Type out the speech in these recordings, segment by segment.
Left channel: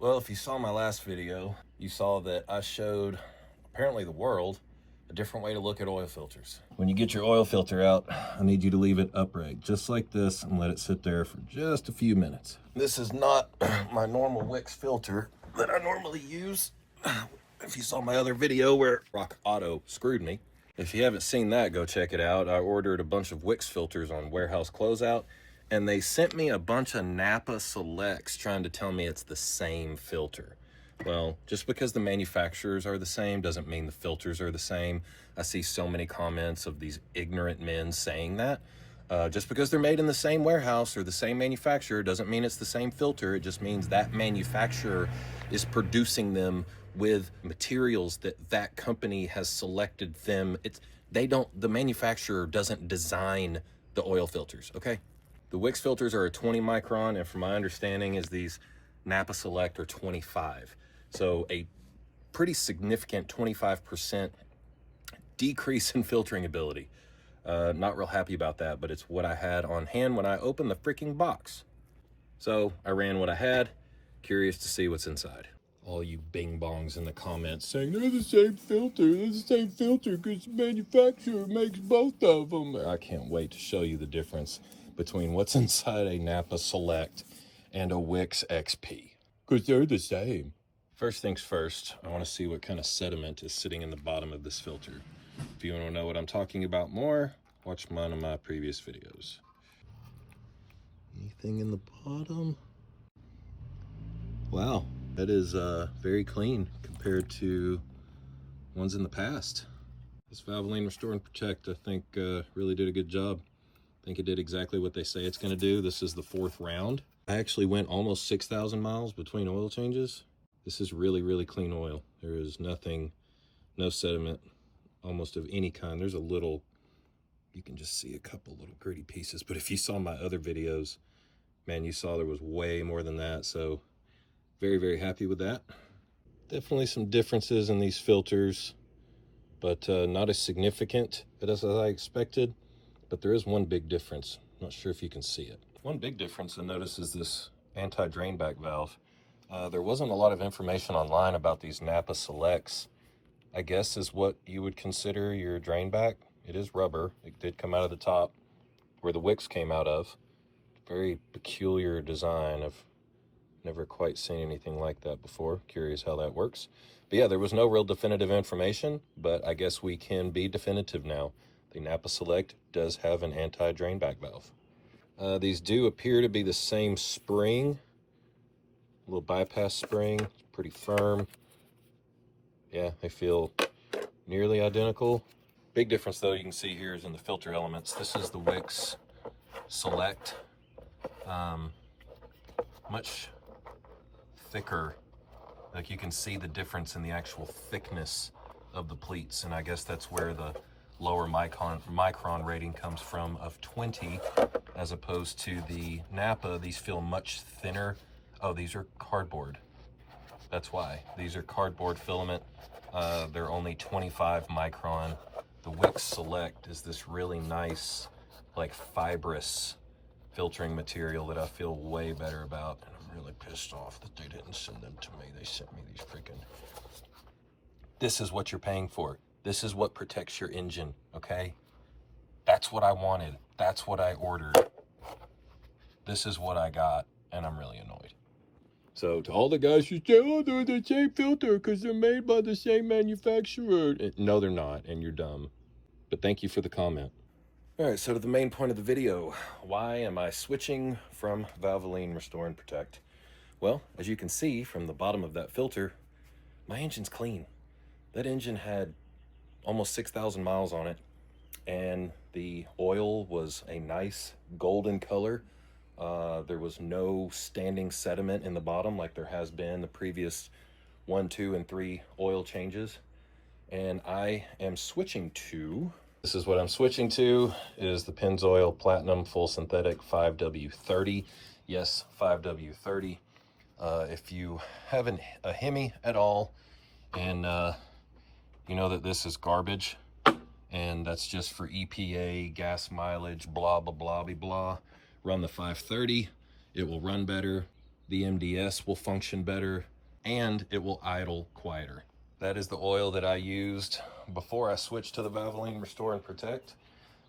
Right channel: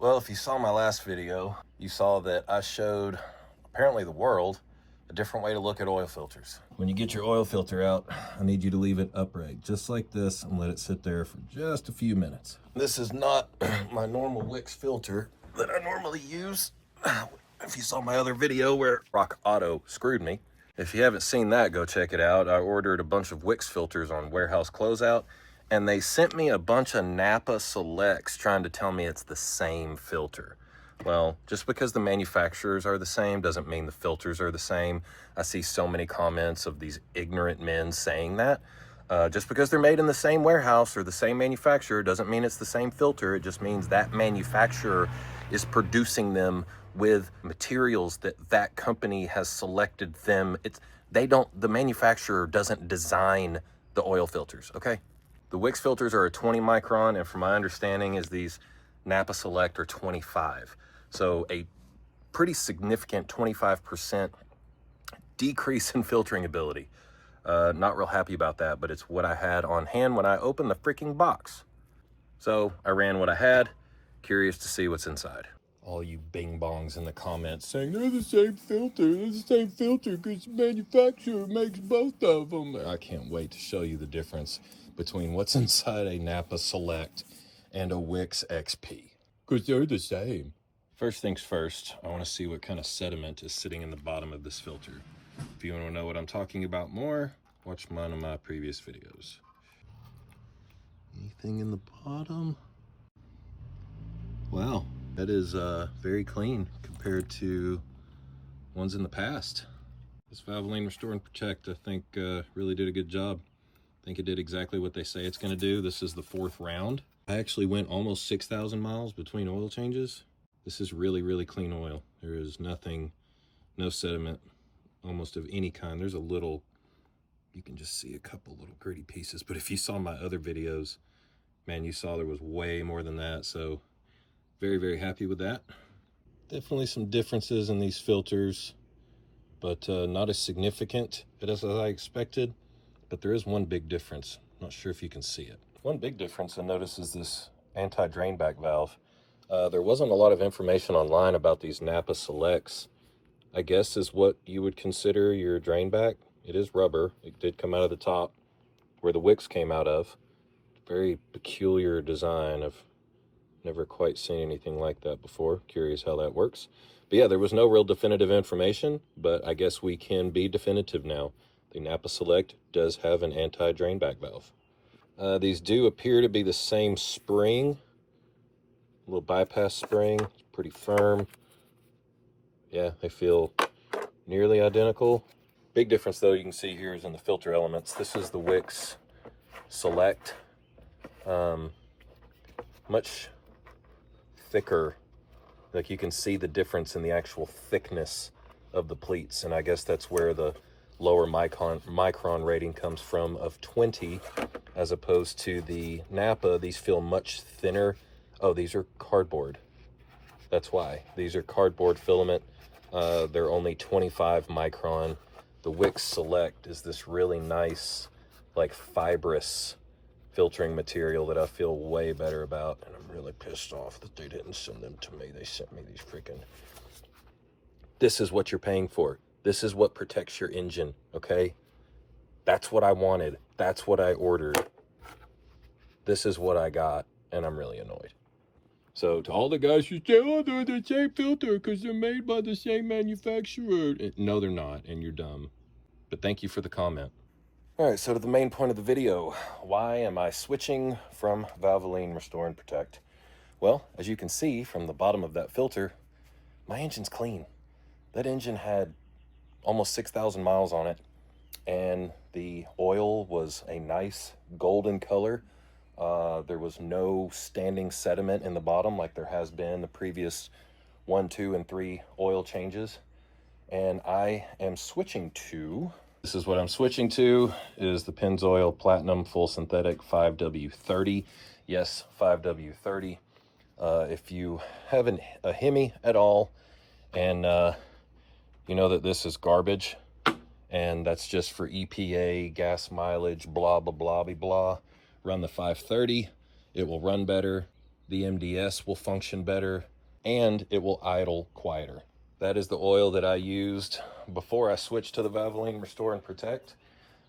Well, if you saw my last video, you saw that I showed, apparently the world, a different way to look at oil filters. When you get your oil filter out, I need you to leave it upright, just like this, and let it sit there for just a few minutes. This is not my normal Wix filter that I normally use. If you saw my other video where Rock Auto screwed me, if you haven't seen that, go check it out. I ordered a bunch of Wix filters on Warehouse Closeout, and they sent me a bunch of NAPA Selects trying to tell me it's the same filter. Well, just because the manufacturers are the same doesn't mean the filters are the same. I see so many comments of these ignorant men saying that. Just because they're made in the same warehouse or the same manufacturer doesn't mean it's the same filter. It just means that manufacturer is producing them with materials that company has selected them. The manufacturer doesn't design the oil filters, okay? The Wix filters are a 20 micron, and from my understanding is these NAPA Select are 25. So a pretty significant 25% decrease in filtering ability. Not real happy about that, but it's what I had on hand when I opened the freaking box. So I ran what I had, curious to see what's inside. All you bing bongs in the comments saying they're the same filter because the manufacturer makes both of them. I can't wait to show you the difference between what's inside a NAPA Select and a Wix XP, because they're the same. First things first, I want to see what kind of sediment is sitting in the bottom of this filter. If you want to know what I'm talking about more, watch one of my previous videos. Anything in the bottom? Wow, that is very clean compared to ones in the past. This Valvoline Restore Protect, I think, really did a good job. I think it did exactly what they say it's going to do. This is the 4th round. I actually went almost 6,000 miles between oil changes. This is really, really clean oil. There is nothing, no sediment, almost of any kind. There's a little, you can just see a couple little gritty pieces, but if you saw my other videos, man, you saw there was way more than that. So very, very happy with that. Definitely some differences in these filters, but not as significant as I expected. But there is one big difference. Not sure if you can see it. One big difference I noticed is this anti-drain back valve. There wasn't a lot of information online about these NAPA Selects. I guess is what you would consider your drain back. It is rubber. It did come out of the top where the Wix came out of. Very peculiar design. I've never quite seen anything like that before. Curious how that works. But yeah, there was no real definitive information, but I guess we can be definitive now. The NAPA Select does have an anti-drain back valve. These do appear to be the same spring. A little bypass spring, it's pretty firm. Yeah, they feel nearly identical. Big difference though you can see here is in the filter elements. This is the Wix Select. Much thicker. Like you can see the difference in the actual thickness of the pleats, and I guess that's where the lower micron rating comes from of 20, as opposed to the NAPA. These feel much thinner. Oh, these are cardboard. That's why. These are cardboard filament. They're only 25 micron. The Wix Select is this really nice, like fibrous filtering material that I feel way better about. And I'm really pissed off that they didn't send them to me. They sent me these freaking... This is what you're paying for. This is what protects your engine, okay? That's what I wanted. That's what I ordered. This is what I got, and I'm really annoyed. So to all the guys who say, oh, they're the same filter because they're made by the same manufacturer. No, they're not, and you're dumb. But thank you for the comment. All right, so to the main point of the video. Why am I switching from Valvoline Restore Protect? Well, as you can see from the bottom of that filter, my engine's clean. That engine had almost 6,000 miles on it, and the oil was a nice golden color. There was no standing sediment in the bottom like there has been the previous 1, 2, and 3 oil changes. And I am switching to... This is what I'm switching to, is the Pennzoil Platinum Full Synthetic 5W30. Yes, 5W30. If you have a Hemi at all, and you know that this is garbage, and that's just for EPA, gas mileage, blah, blah, blah, blah, blah. Run the 530, it will run better. the MDS will function better, and it will idle quieter. That is the oil that I used before I switched to the Valvoline Restore and Protect.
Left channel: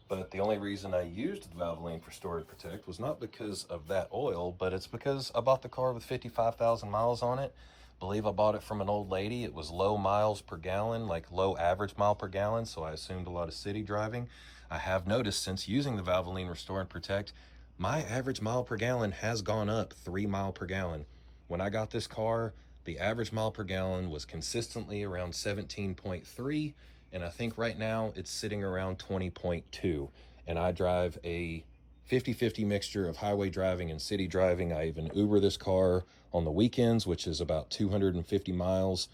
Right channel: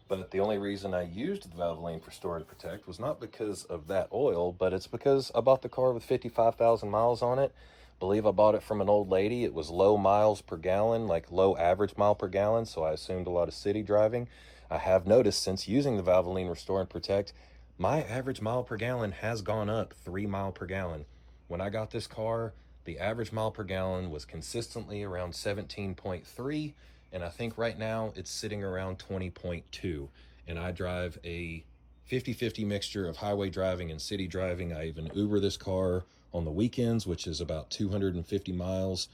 But the only reason I used the Valvoline Restore and Protect was not because of that oil, but it's because I bought the car with 55,000 miles on it. I believe I bought it from an old lady. It was low miles per gallon, like low average mile per gallon, so I assumed a lot of city driving. I have noticed since using the Valvoline Restore and Protect, my average mile per gallon has gone up 3 miles per gallon. When I got this car, the average mile per gallon was consistently around 17.3, and I think right now it's sitting around 20.2. And I drive a 50-50 mixture of highway driving and city driving. I even Uber this car on the weekends, which is about 250 miles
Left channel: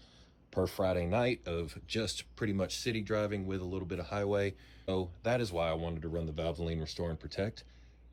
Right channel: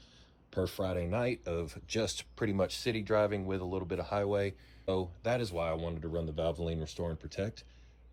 per Friday night of just pretty much city driving with a little bit of highway. So that is why I wanted to run the Valvoline Restore and Protect.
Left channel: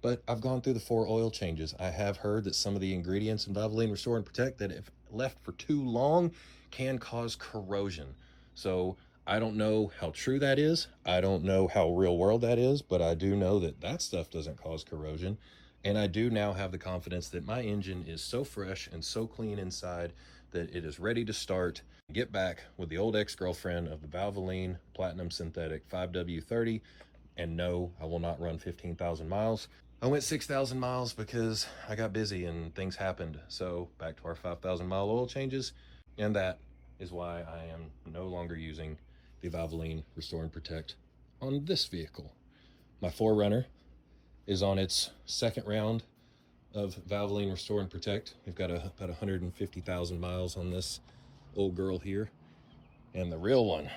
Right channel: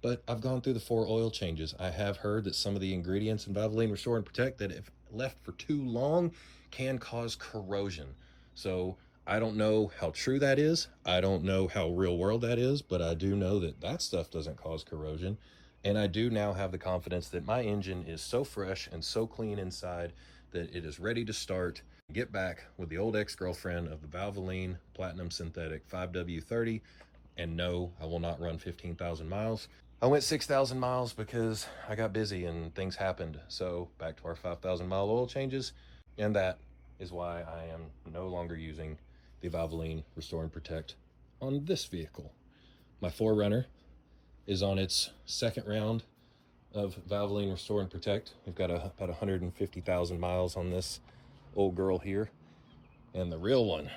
But I've gone through the 4 oil changes. I have heard that some of the ingredients in Valvoline Restore and Protect, that if left for too long, can cause corrosion. So I don't know how true that is. I don't know how real world that is, but I do know that that stuff doesn't cause corrosion. And I do now have the confidence that my engine is so fresh and so clean inside that it is ready to start, get back with the old ex-girlfriend of the Valvoline Platinum Synthetic 5W30. And no, I will not run 15,000 miles. I went 6,000 miles because I got busy and things happened. So back to our 5,000 mile oil changes. And that is why I am no longer using the Valvoline Restore and Protect on this vehicle. My 4Runner is on its second round of Valvoline Restore and Protect. We've got about 150,000 miles on this old girl here. And the real one,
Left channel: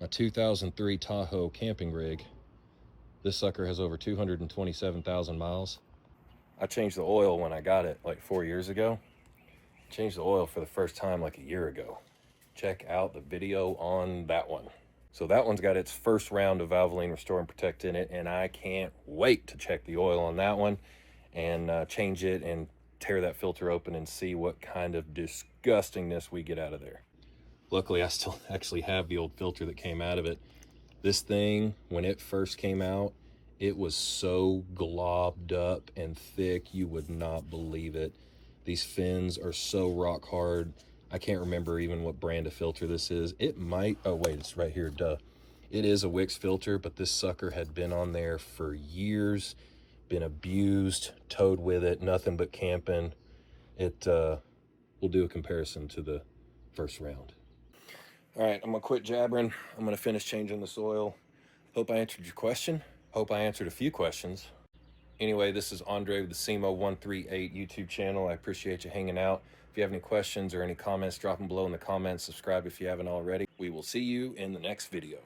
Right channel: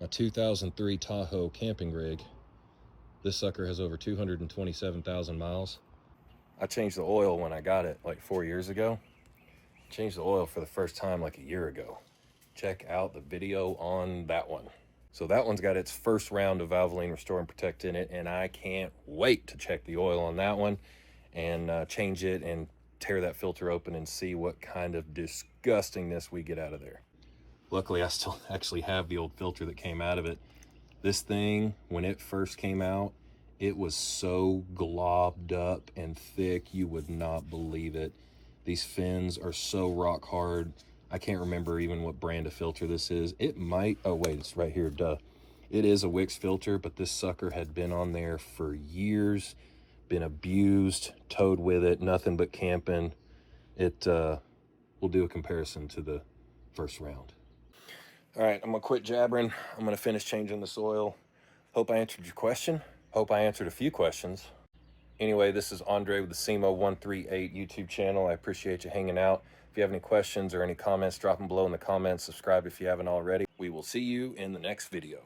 my 2003 Tahoe camping rig, this sucker has over 227,000 miles. I changed the oil when I got it like 4 years ago. Changed the oil for the first time like a year ago. Check out the video on that one. So that one's got its first round of Valvoline Restore and Protect in it, and I can't wait to check the oil on that one and change it and tear that filter open and see what kind of disgustingness we get out of there. Luckily, I still actually have the old filter that came out of it. This thing, when it first came out, it was so globbed up and thick, you would not believe it. These fins are so rock hard. I can't remember even what brand of filter this is. It might, oh wait, it's right here, duh. It is a Wix filter, but this sucker had been on there for years, been abused, towed with it, nothing but camping. It will do a comparison to the first round. All right, I'm gonna quit jabbering. I'm gonna finish changing this oil. Hope I answered your question. Hope I answered a few questions. Anyway, this is Andre with the SEMA138 YouTube channel. I appreciate you hanging out. If you have any questions or any comments, drop them below in the comments. Subscribe if you haven't already. We will see you in the next video.